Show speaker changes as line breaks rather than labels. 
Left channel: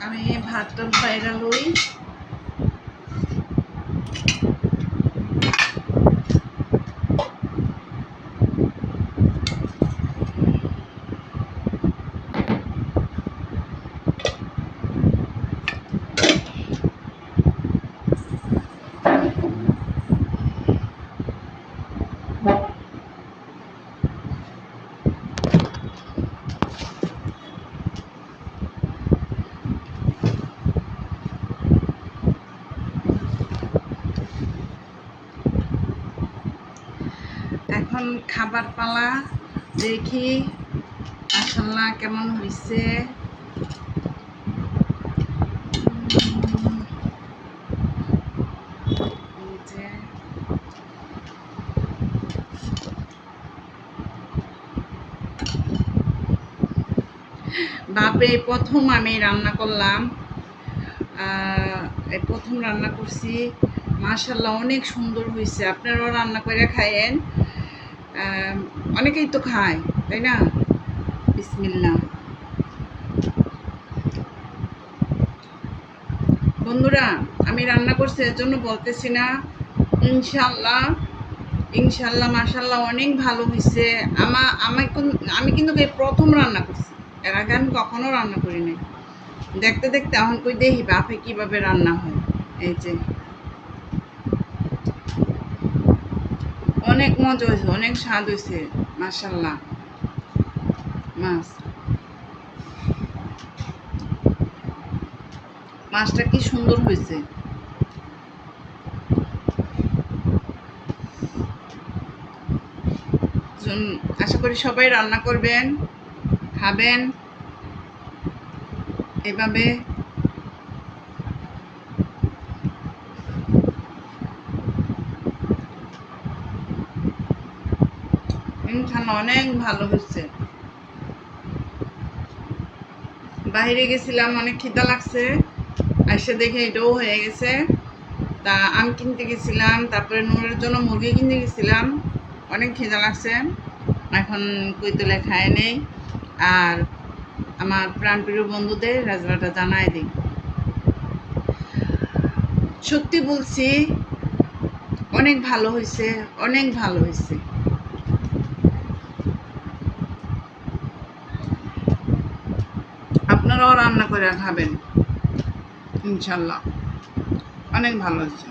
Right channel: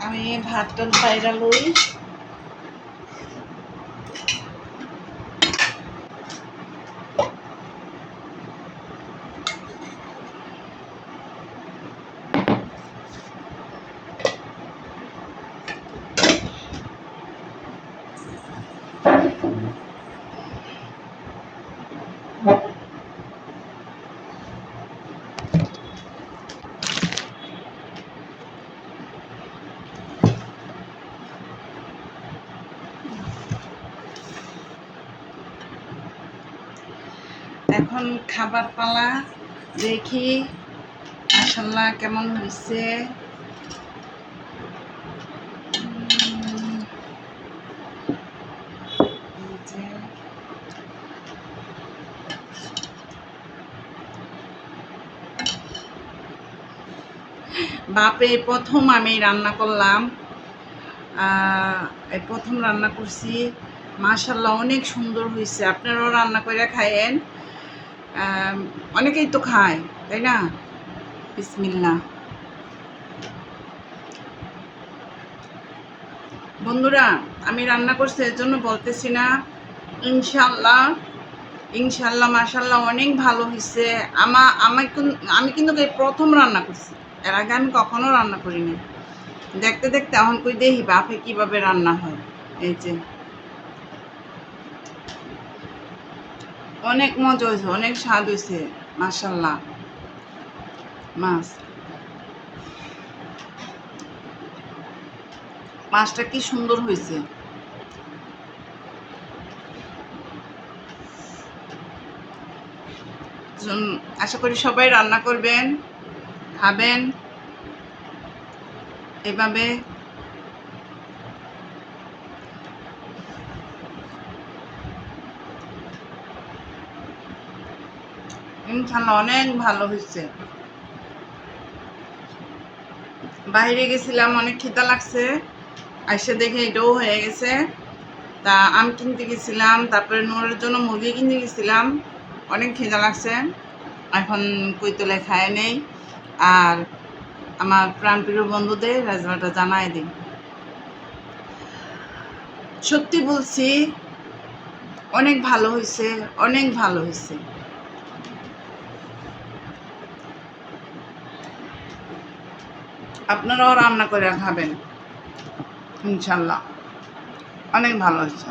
আমি ভাত টাত বাইরা লই এখন খাবার পালা দেখি মাসাল্লাহ কেমন হয়েছে বাপে প্রথম আমি রান্না করলাম। প্রথম রান্না করছি। মাশাল্লাহ অনেক সুন্দর হয়েছে আপনারাও রান্না করে খায়েন। অনেকেই তো খায়, তাই না? বিসমিল্লা বন্ধুরা, আমি রান্না করছি এর জন্য বলতেছি না, ইনশাল্লাহ ইনশাল্লাহ, মাশাল্লাহ, অনেক ভালো হয়েছে আমা আমার আমি কিন্তু প্রথম রান্না করছি, এর আগে আমি কখনো রান্না করি নাই। দেখতে দেখতে, এখন কই দেখি বাপে কীভাবে রান্না হয়, এই যে। অনেক মজা হয়েছে, অনেক স্বাদ হয়েছে মাশাল্লাহ মাছ। মাছটা কি সুন্দর হয়েছে। আশা করি সবাই রান্না করবেন, খাবেন। এভাবে অনেক ভালো হয়েছে। বাইরে গেছিলাম, অনেক খিদা লাগছে। এসে দেখে এটাও হয়ে গেছে। তা আম কিনতে গেছিলাম, তারপরে নুরের জন্য মুরগি কিনতে গেছিলাম। অনেক খিদা লাগছে। এখন কৈতলে খায় নেই। আর আমার প্রাণপ্রিয় বন্ধুদের রাজমাটা জানাই দিই। সত্যি বলছি, অনেক ভালো হয়েছে, অনেক ভালো হয়েছে। আপনারাও রান্না করে খাবেন। ইনশাল্লাহ। অনেক ভালো হয়েছে